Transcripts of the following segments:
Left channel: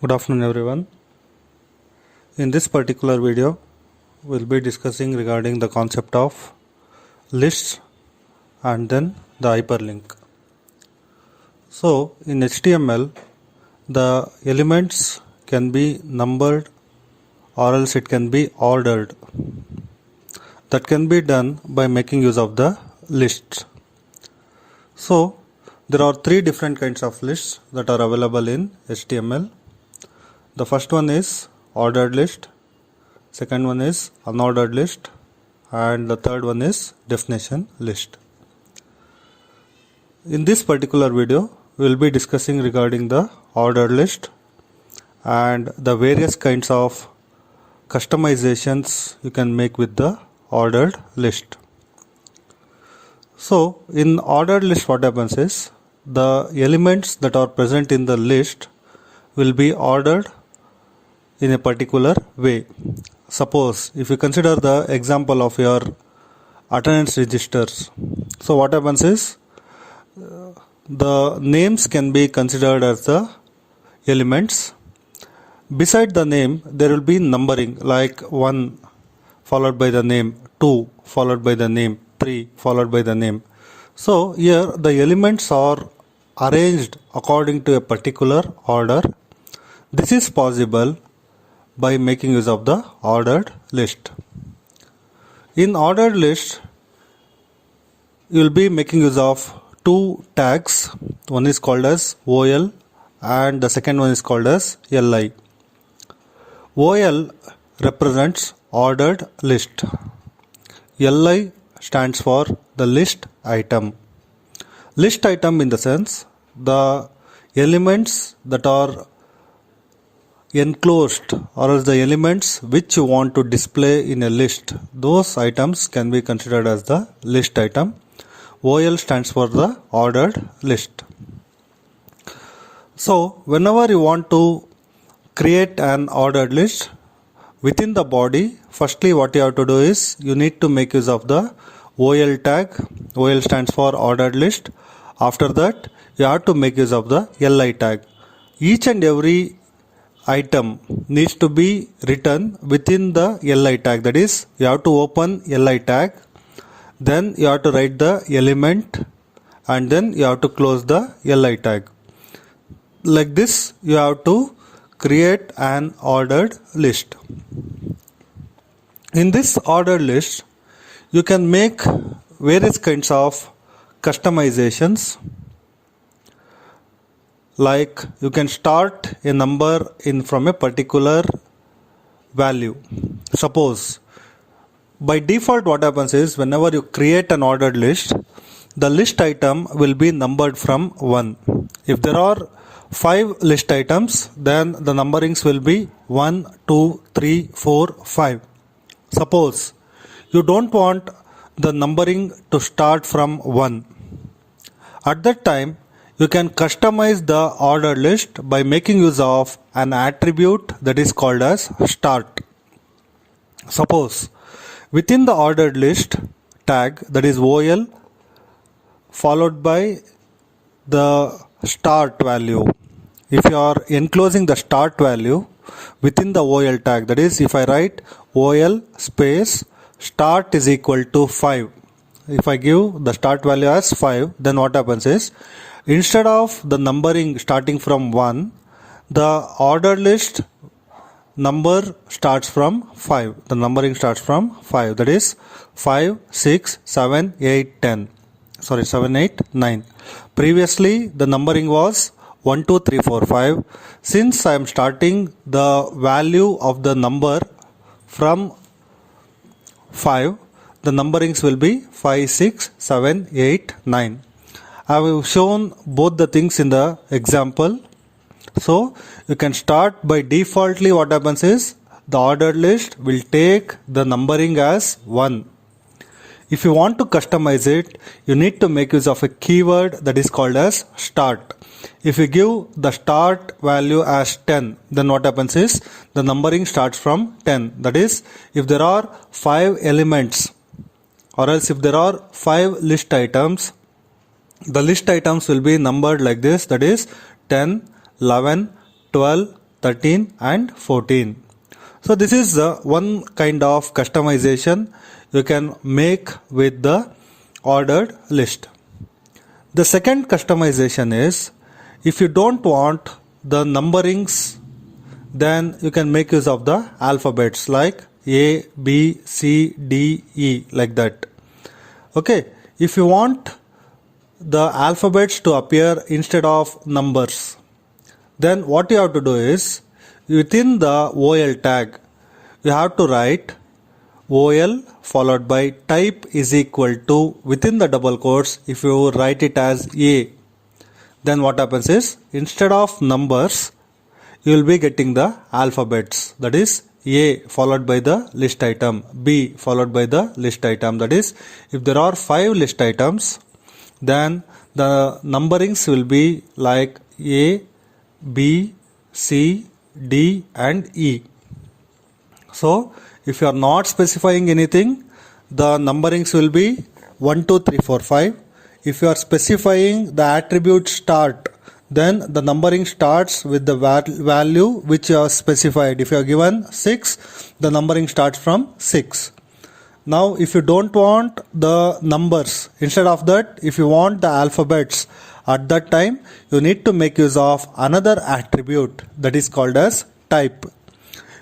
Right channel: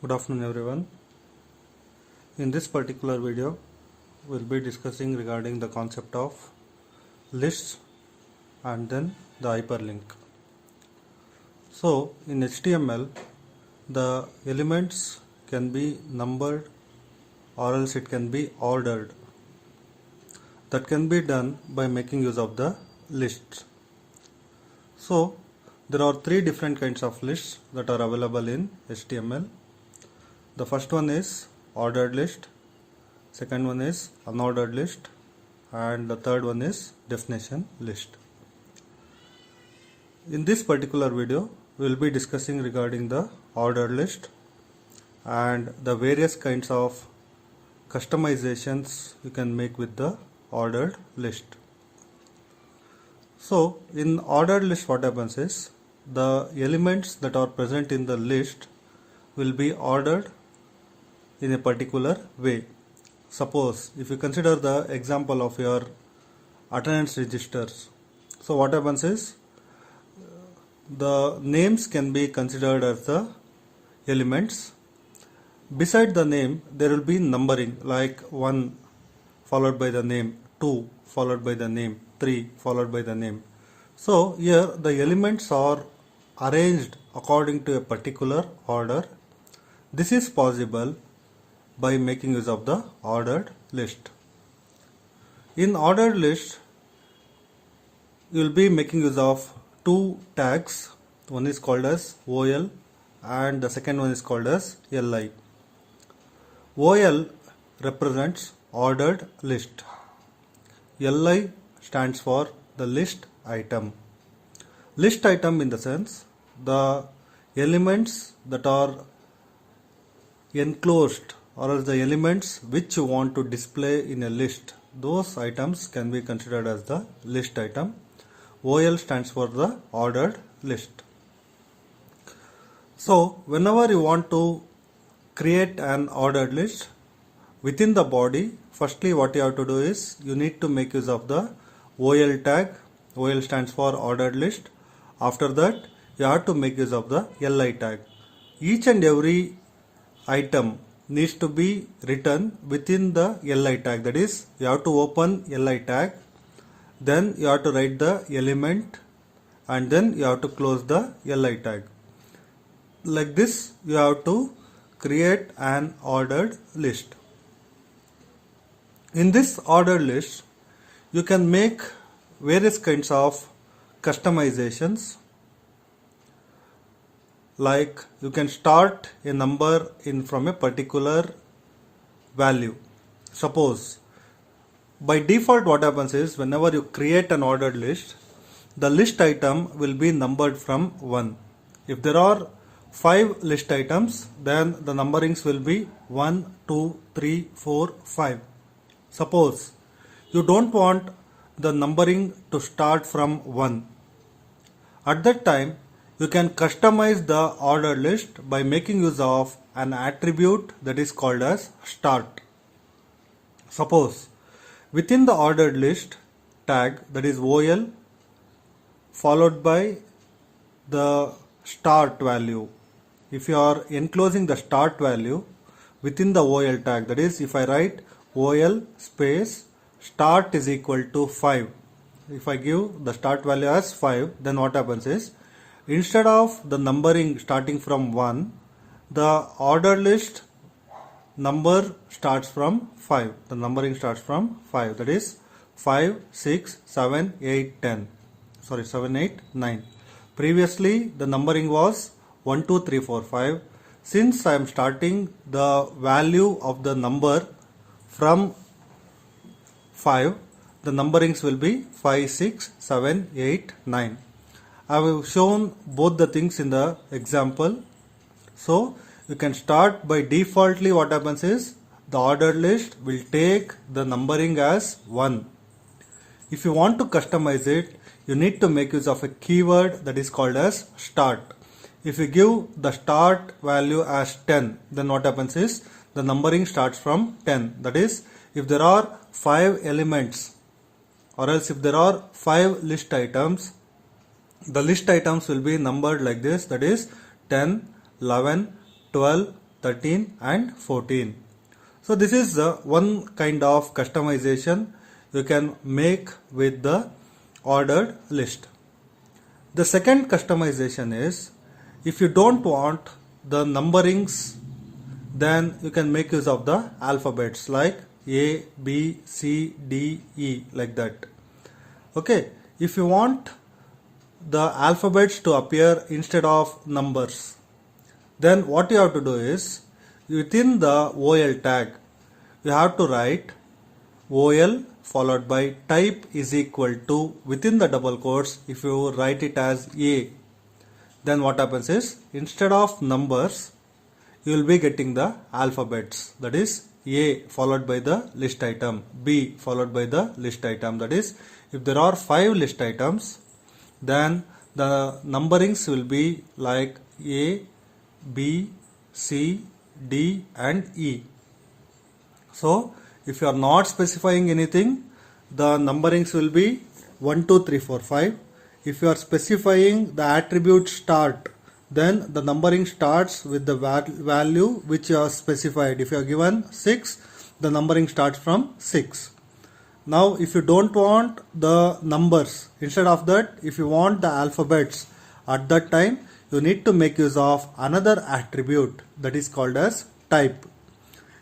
Good afternoon everyone. In this particular video, we'll be discussing regarding the concept of lists and then the hyperlink. So in HTML, the elements can be numbered or else it can be ordered. That can be done by making use of the lists. So there are three different kinds of lists that are available in HTML. The first one is ordered list, second one is unordered list, and the third one is definition list. In this particular video, we will be discussing regarding the ordered list and the various kinds of customizations you can make with the ordered list. So in ordered list, what happens is the elements that are present in the list will be ordered in a particular way. Suppose if you consider the example of your attendance registers, so what happens is the names can be considered as the elements. Beside the name there will be numbering, like 1 followed by the name, 2 followed by the name, 3 followed by the name. So here the elements are arranged according to a particular order. This is possible by making use of the ordered list. In ordered list, you will be making use of two tags. One is called as OL and the second one is called as LI. OL represents ordered list. LI stands for the list item. List item in the sense the elements that are enclosed or else the elements which you want to display in a list, those items can be considered as the list item. OL stands for the ordered list. So whenever you want to create an ordered list within the body, firstly what you have to do is you need to make use of the OL tag. OL stands for ordered list. After that you have to make use of the LI tag. Each and every item needs to be written within the LI tag. That is, you have to open LI tag, then you have to write the element, and then you have to close the LI tag. Like this you have to create an ordered list. In this ordered list you can make various kinds of customizations, like you can start a number in from a particular value. Suppose by default what happens is whenever you create an ordered list, the list item will be numbered from 1. If there are 5 list items, then the numberings will be 1, 2, 3, 4, 5. Suppose you don't want the numbering to start from 1. At that time you can customize the ordered list by making use of an attribute that is called as start. Suppose within the ordered list tag, that is OL followed by the start value. If you are enclosing the start value within the OL tag, that is, if I write OL space start is equal to 5, if I give the start value as 5, then what happens is instead of the numbering starting from 1, the ordered list number starts from 5. The numbering starts from 5. That is 5, 6, 7, 8, 10. Sorry, 7, 8, 9. Previously the numbering was 1, 2, 3, 4, 5. Since I am starting the value of the number from 5, the numberings will be 5, 6, 7, 8, 9. I have shown both the things in the example. So you can start by defaultly what happens is the ordered list will take the numbering as 1. If you want to customize it, you need to make use of a keyword that is called as start. If you give the start value as 10, then what happens is the numbering starts from 10. That is, if there are 5 elements or else if there are 5 list items, the list items will be numbered like this, that is 10, 11, 12, 13 and 14. So this is one kind of customization you can make with the ordered list. The second customization is, if you don't want the numberings, then you can make use of the alphabets like A, B, C, D, E, like that. Okay, if you want the alphabets to appear instead of numbers, then what you have to do is, within the OL tag, you have to write OL followed by type is equal to, within the double quotes, if you write it as A, then what happens is, instead of numbers, you will be getting the alphabets, that is A followed by the list item, B followed by the list item. That is, if there are 5 list items, then the numberings will be like A, B, C, D and E. So if you are not specifying anything, the numberings will be 1, 2, 3, 4, 5. If you are specifying the attribute start, then the numbering starts with the value which you have specified. If you are given 6, the numbering starts from 6. Now if you don't want the numbers, instead of that, if you want the alphabets, at that time you need to make use of another attribute that is called as type.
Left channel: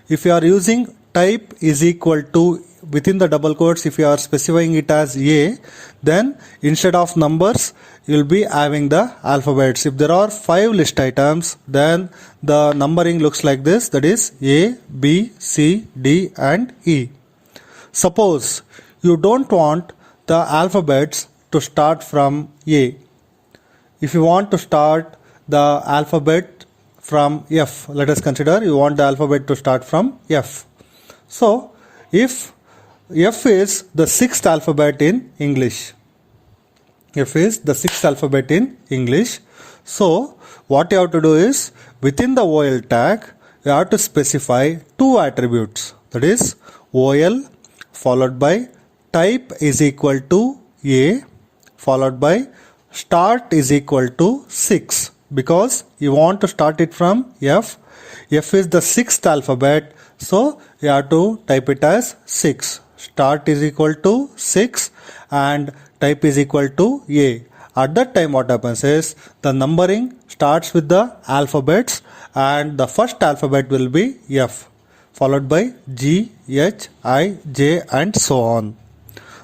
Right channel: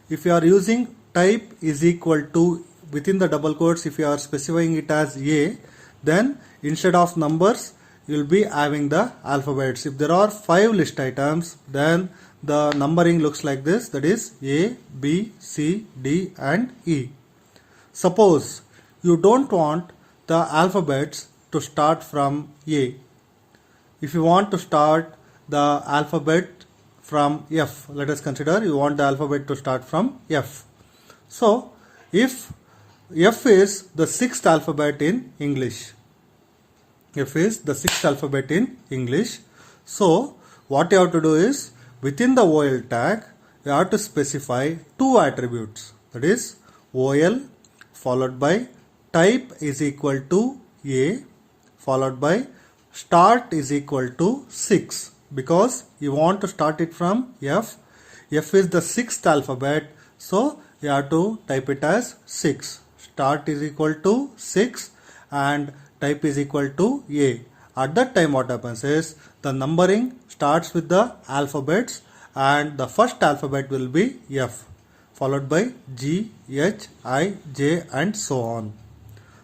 If you are using type is equal to, within the double quotes, if you are specifying it as A, then instead of numbers you will be having the alphabets. If there are 5 list items, then the numbering looks like this, that is A, B, C, D and E. Suppose you don't want the alphabets to start from A. If you want to start the alphabet from F, let us consider you want the alphabet to start from F. So if F is the 6th alphabet in English, F is the 6th alphabet in English, so what you have to do is, within the OL tag, you have to specify 2 attributes, that is OL followed by type is equal to A followed by start is equal to 6, because you want to start it from F. F is the 6th alphabet, so you have to type it as 6. Start is equal to 6 and type is equal to A. At that time what happens is, the numbering starts with the alphabets and the first alphabet will be F followed by G, H, I, J and so on.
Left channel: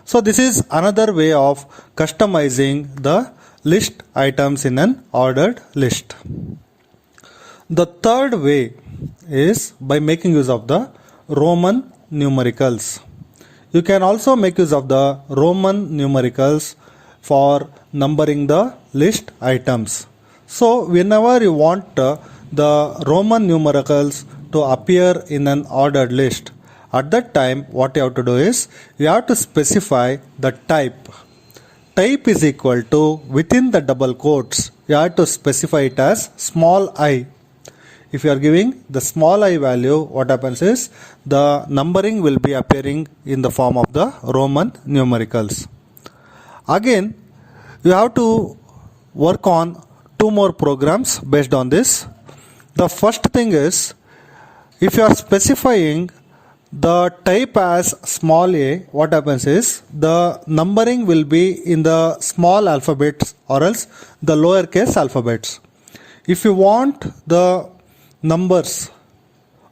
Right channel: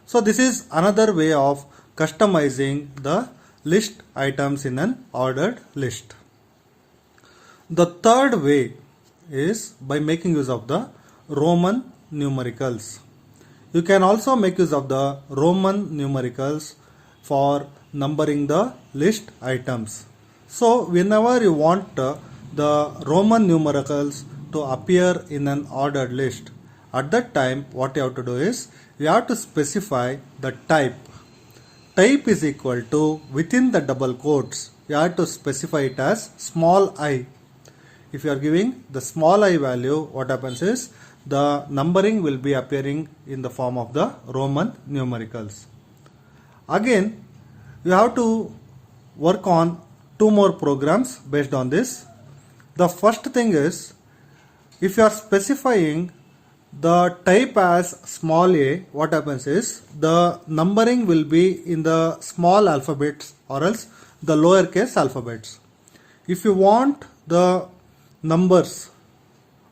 So this is another way of customizing the list items in an ordered list. The third way is by making use of the Roman numericals. You can also make use of the Roman numericals for numbering the list items. So whenever you want the Roman numericals to appear in an ordered list, at that time what you have to do is, you have to specify the type. Type is equal to, within the double quotes, you have to specify it as small I. If you are giving the small I value, what happens is, the numbering will be appearing in the form of the Roman numericals. Again, you have to work on 2 more programs based on this. The first thing is, if you are specifying the type as small a, what happens is, the numbering will be in the small alphabets or else the lowercase alphabets. If you want the numbers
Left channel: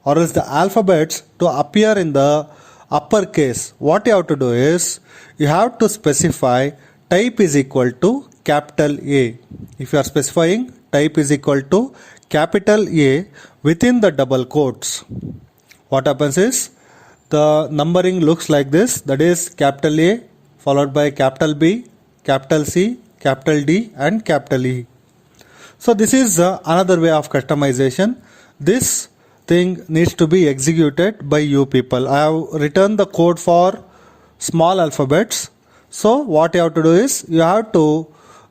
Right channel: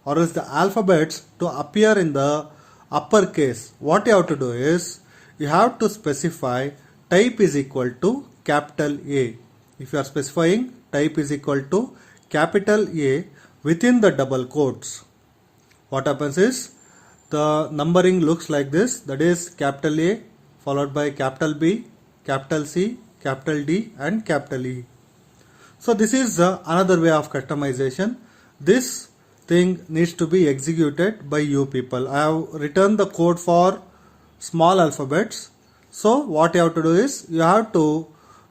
or else the alphabets to appear in the uppercase, what you have to do is, you have to specify type is equal to capital A. If you are specifying type is equal to capital A within the double quotes, what happens is, the numbering looks like this, that is capital A followed by capital B, capital C, capital D and capital E. So this is another way of customization. This thing needs to be executed by you people. I have written the code for small alphabets. So what you have to do is, you have to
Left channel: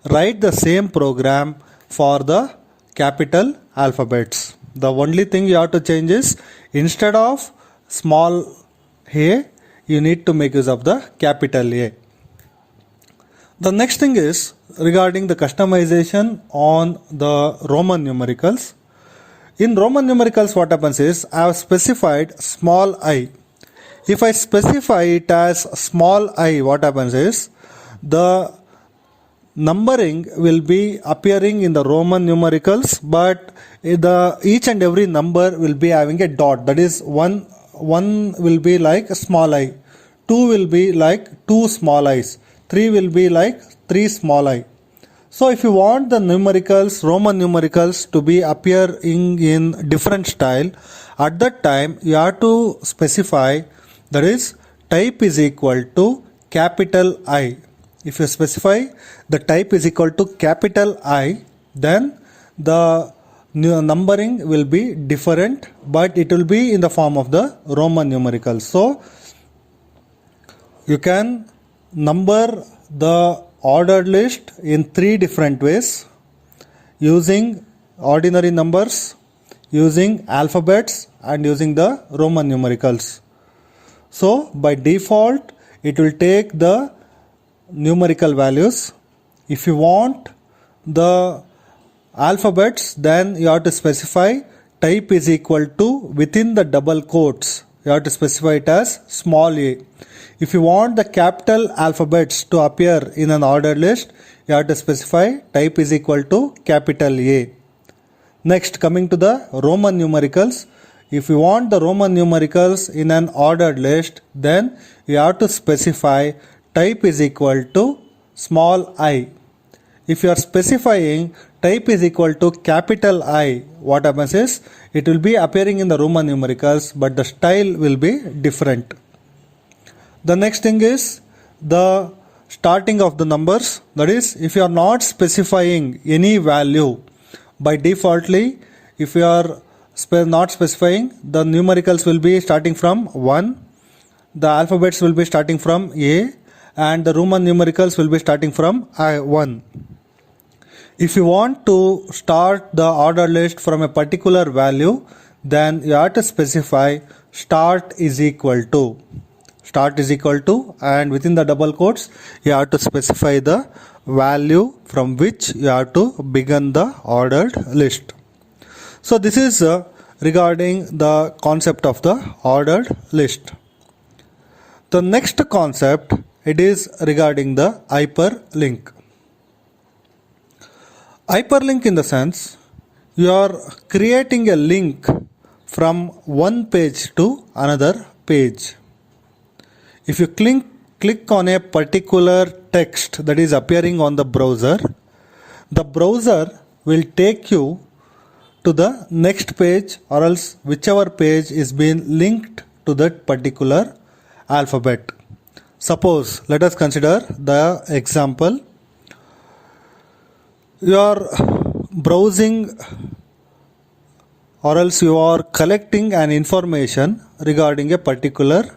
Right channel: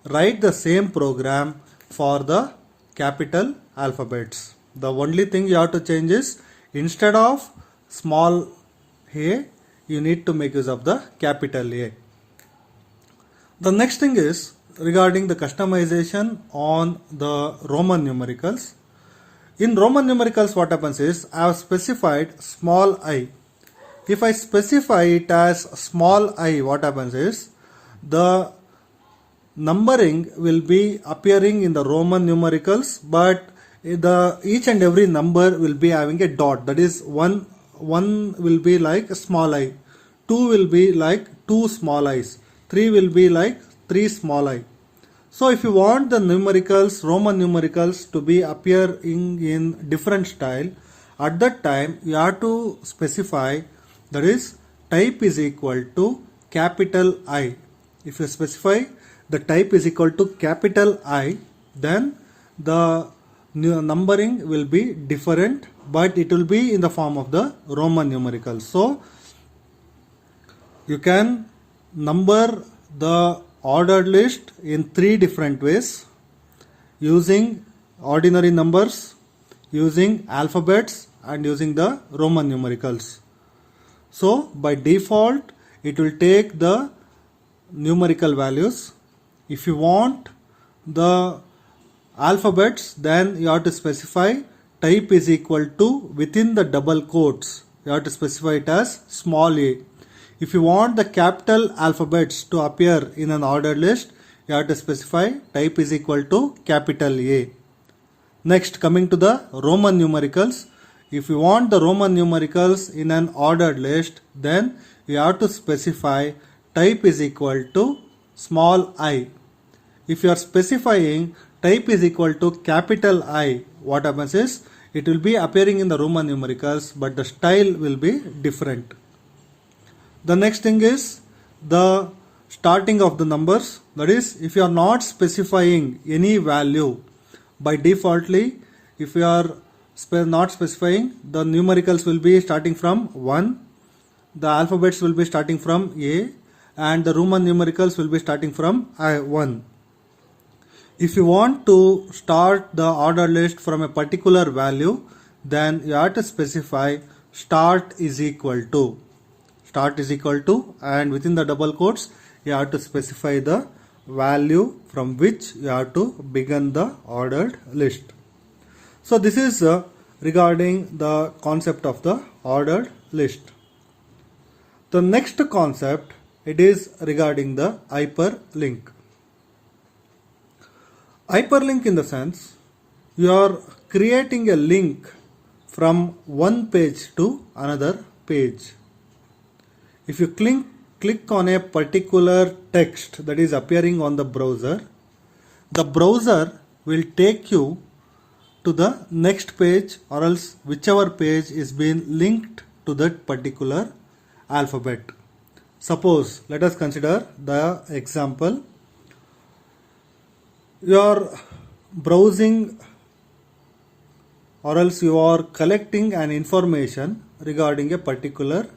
write the same program for the capital alphabets. The only thing you have to change is, instead of small a, you need to make use of the capital A. The next thing is regarding the customization on the Roman numericals. In Roman numericals, what happens is I have specified small I. If I specify it as small I, what happens is the numbering will be appearing in the Roman numericals, but each and every number will be having a dot. That is, one will be like a small I, 2 will be like 2 small i's, 3 will be like 3 small I. So if you want the numericals, Roman numericals, to be appearing in different style, at that time you have to specify, that is, type is equal to capital I. If you specify the type is equal to capital I, then the numbering will be different, but it will be in the form of the Roman numericals. So you can number the ordered list in 3 different ways: using ordinary numbers, using alphabets, and using the Roman numericals. So by default it will take the numerical values. If you want the alphabets, then you have to specify type is equal to, within the double quotes you have to specify it as small a. If you want the capital alphabets to appear in an ordered list, you have to specify type is equal to capital A. Next, coming to the Roman numericals, if you want the Roman numericals in an ordered list, then you have to specify type is equal to small I. If you are specifying type is equal to capital I, what happens is it will be appearing in the Roman numericals, but the style will be different. The next thing is the starting of the numbers. That is, if you are not specifying any value, by defaultly, if you are not specifying, the numericals will be starting from 1, the alphabets will be starting from A, and the Roman numericals will be starting from I1. If you want to start the order list from a particular value, then you have to specify start is equal to. Start is equal to, and within the double quotes you have to specify the value from which you have to begin the ordered list. So this is regarding the concept of the ordered list. The next concept, it is regarding the hyperlink. Hyperlink in the sense you are creating a link from one page to another page. If you click on a particular text that is appearing on the browser will take you to the next page, or else whichever page is being linked to that particular alphabet. Suppose, let us consider the example. You are browsing, or else you are collecting an information regarding a particular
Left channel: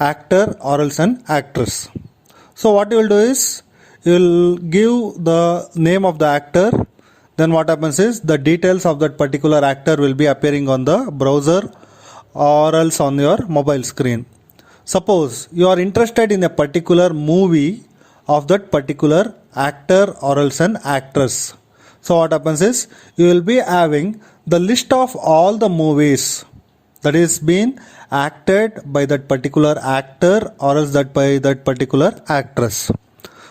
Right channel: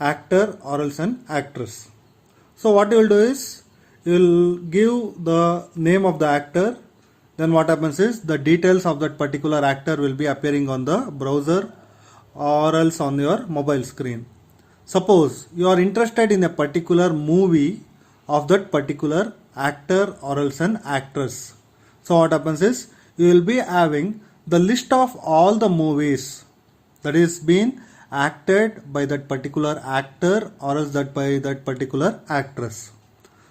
actor or else an actress. So what you will do is, you will give the name of the actor, then what happens is the details of that particular actor will be appearing on the browser or else on your mobile screen. Suppose you are interested in a particular movie of that particular actor or else an actress. So what happens is, you will be having the list of all the movies that is being acted by that particular actor or else that by that particular actress.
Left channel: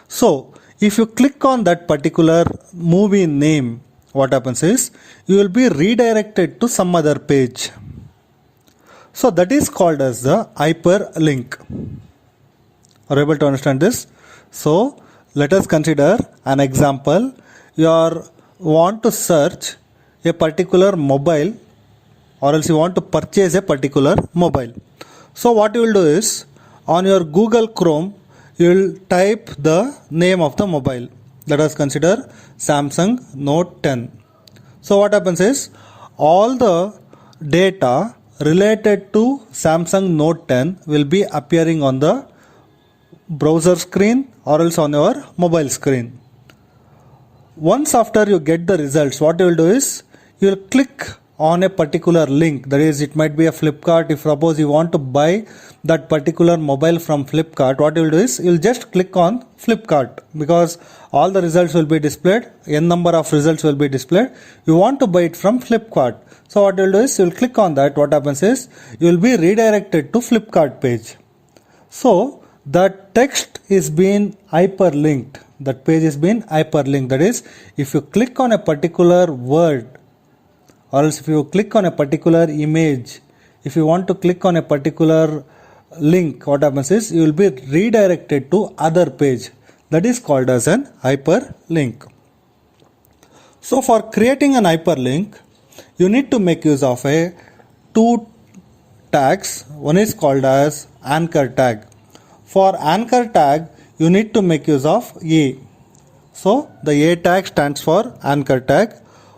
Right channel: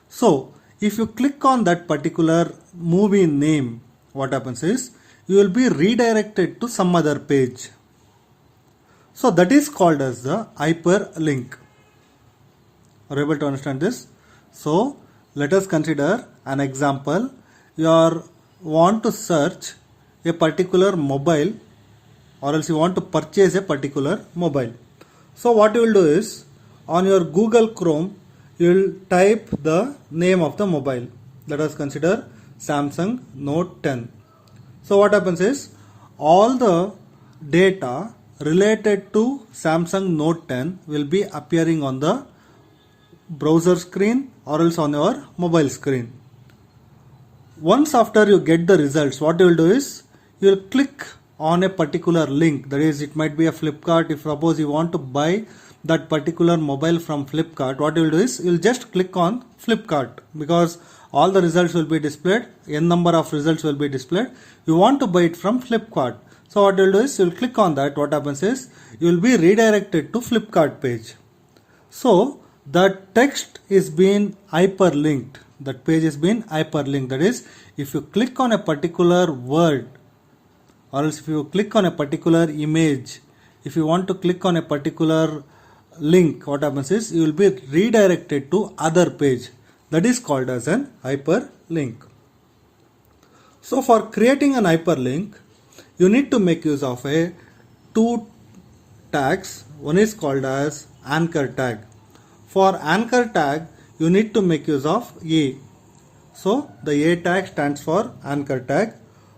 So if you click on that particular movie name, what happens is you will be redirected to some other page. So that is called as the hyperlink. Are you able to understand this? So let us consider an example. You want to search a particular mobile, or else you want to purchase a particular mobile. So what you will do is, on your Google Chrome, you will type the name of the mobile. Let us consider Samsung Note 10. So what happens is, all the data related to Samsung Note 10 will be appearing on the browser screen or else on your mobile screen. Once after you get the results, what you will do is, you will click on a particular link. That is, it might be a Flipkart. If suppose you want to buy that particular mobile from Flipkart, what you will do is you will just click on Flipkart, because all the results will be displayed, n number of results will be displayed. You want to buy it from Flipkart. So what you will do is you will click on that. What happens is you will be redirected to Flipkart page. So the text is being hyperlinked. That page is being hyperlinked. That is, if you click on a particular word, or else if you click on a particular image, if you want to click on a particular link, what happens is you will be redirected to other page. That is called as an hyperlink. So for creating an hyperlink, you need to make use of two tags. One is called as anchor tag. For anchor tag, you need to make use of A. So the A tag stands for anchor tag.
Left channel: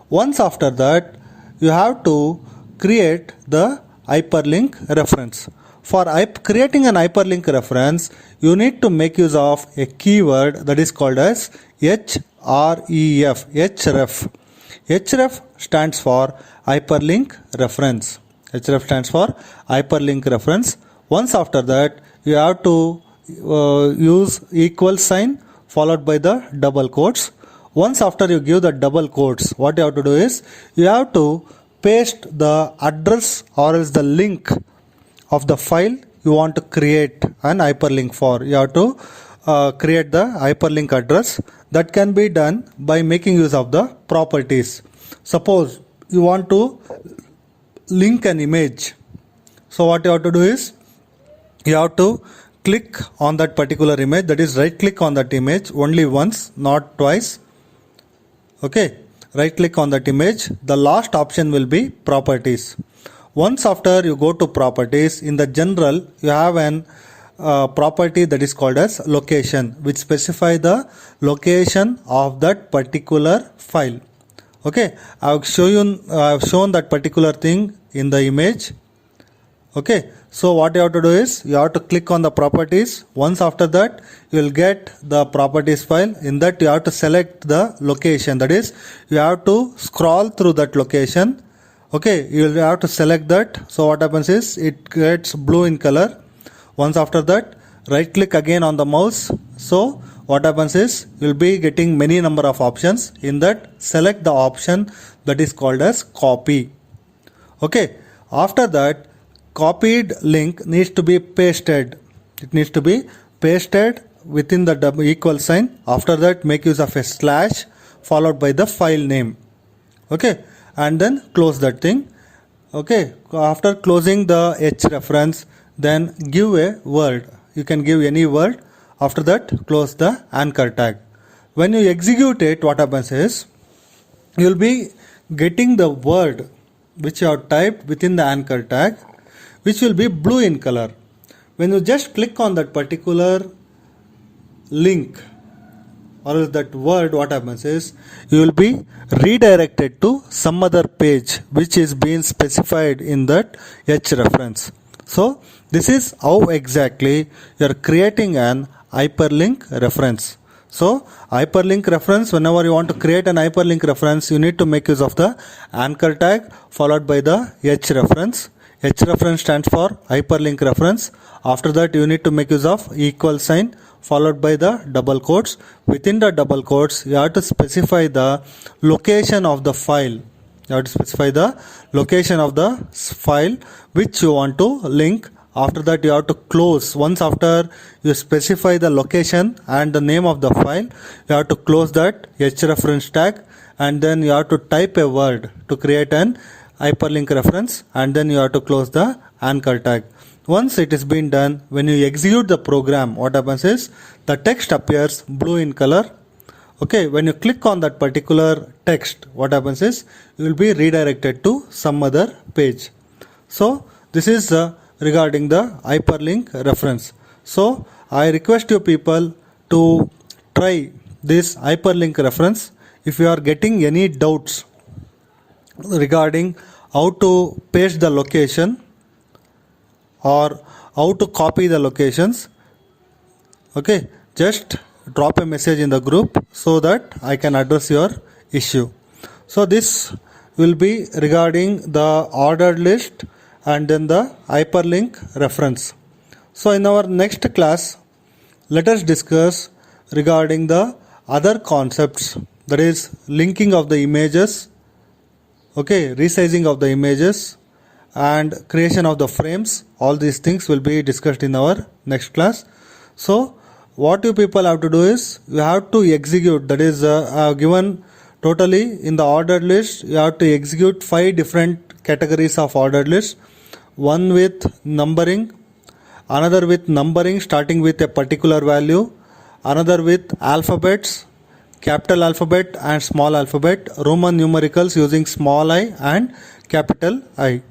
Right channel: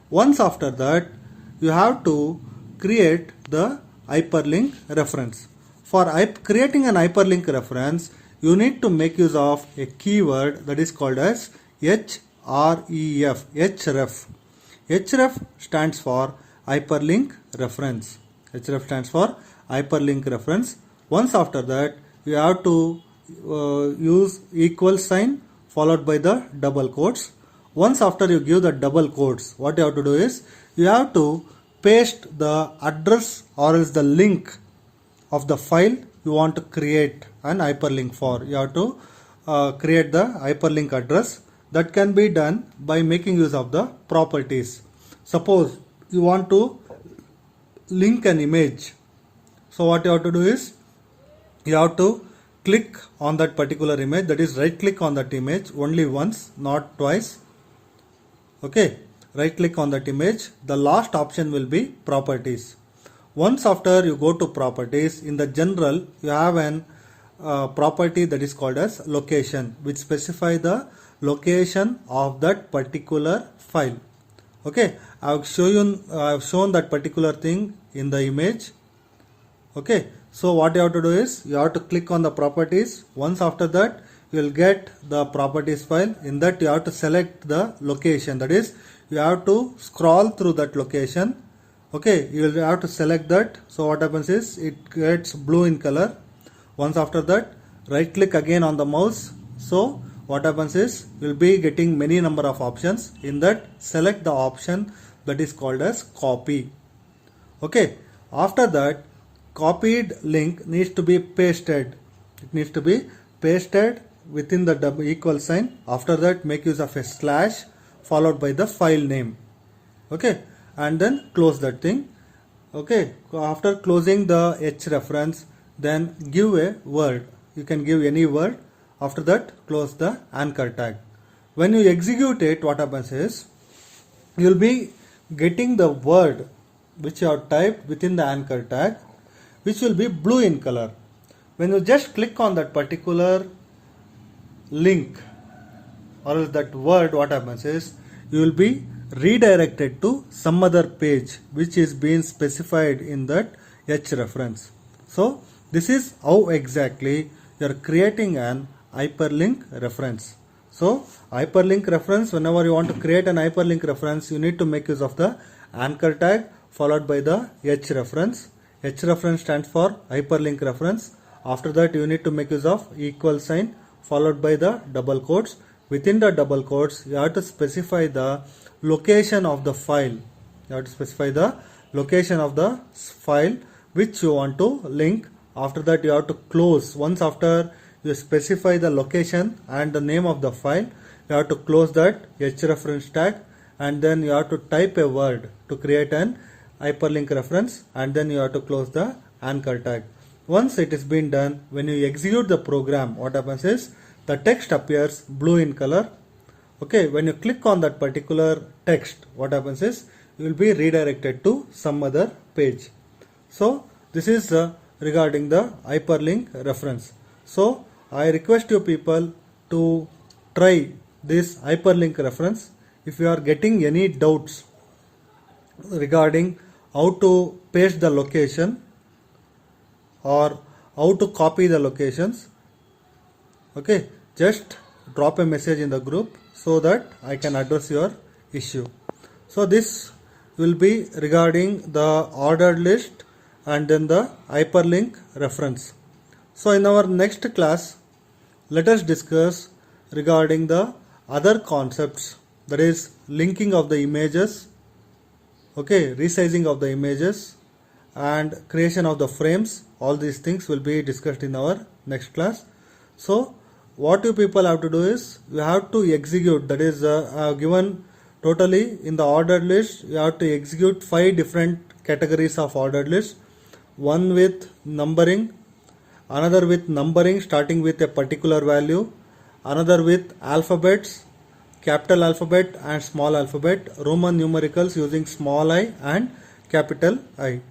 Once after that, you have to create the hyperlink reference. For creating an hyperlink reference, you need to make use of a keyword that is called as href. Href stands for hyperlink reference. Href stands for hyperlink reference. Once after that, you have to use equal sign followed by the double quotes. Once after you give the double quotes, what you have to do is you have to paste the address or else the link of the file you want to create an hyperlink for. You have to create the hyperlink address. That can be done by making use of the properties. Suppose you want to link an image. So what you have to do is you have to click on that particular image, that is right click on that image only once, not twice. Okay, right click on that image. The last option will be properties. Once after you go to properties, in the general you have an property that is called as location, which specify the location of that particular file. Okay, I have shown that particular thing in the image. Okay, so what you have to do is you have to click on the properties. Once after that, you will get the properties file. In that you have to select the location, that is you have to scroll through that location. Okay, you will have to select that. So what happens is it gets blue in color. Once after that, right click again on the mouse. So what happens is you will be getting many number of options. In that, select the option that is called as copy. Okay, after that, copied link needs to be pasted. It needs to be pasted within the double equal sign. After that, make use of a slash followed by the file name. Okay, and then close that thing. Okay, after closing the H reference, then give a word. You can give any word. After that, close the anchor tag. When you execute it, what happens is you will be getting the word which you have typed within the anchor tag, which will be blue in color. When you just click on that particular link or that word, what happens is you will be redirected to some other page which is being specified in that H reference. So this is how exactly you are creating an hyperlink reference. So hyperlink reference, whenever you want to create an hyperlink reference, you need to make use of the anchor tag followed by the H reference. H reference stands for hyperlink reference. After that, you need to make use of equal sign followed by the double quotes. Within the double quotes, you have to specify the location of the file. You have to specify the location of the file which you want to link. After that, you have to close. Once after you specify the location and the name of the file, you have to close that H reference tag, and then you have to type a word to create an hyperlink reference, and then you have to close the anchor tag. Once it is been done, when you execute the program, what happens is the text appears blue in color. Okay, when you click on that particular text, what happens is you will be redirected to some other page. So this is regarding the hyperlink reference. So I request you people to try this hyperlink reference. If you are getting any doubts regarding how to paste the location or how to copy the locations, okay, just drop a message in the group so that I can address your issue. So this will be regarding the ordered list and then the hyperlink reference. So in our next class, let us discuss regarding the other concepts, that is linking of the images, okay, resizing of the images and creation of the frames. All these things will be discussed in our next class. So what you people have to do is you have to execute, that is given totally in the ordered list, you have to execute 5 different categories of ordered list. One with numbering, another with numbering starting with a particular value, another with alphabets, capital alphabet and small alphabet, Roman numericals using small I and capital I.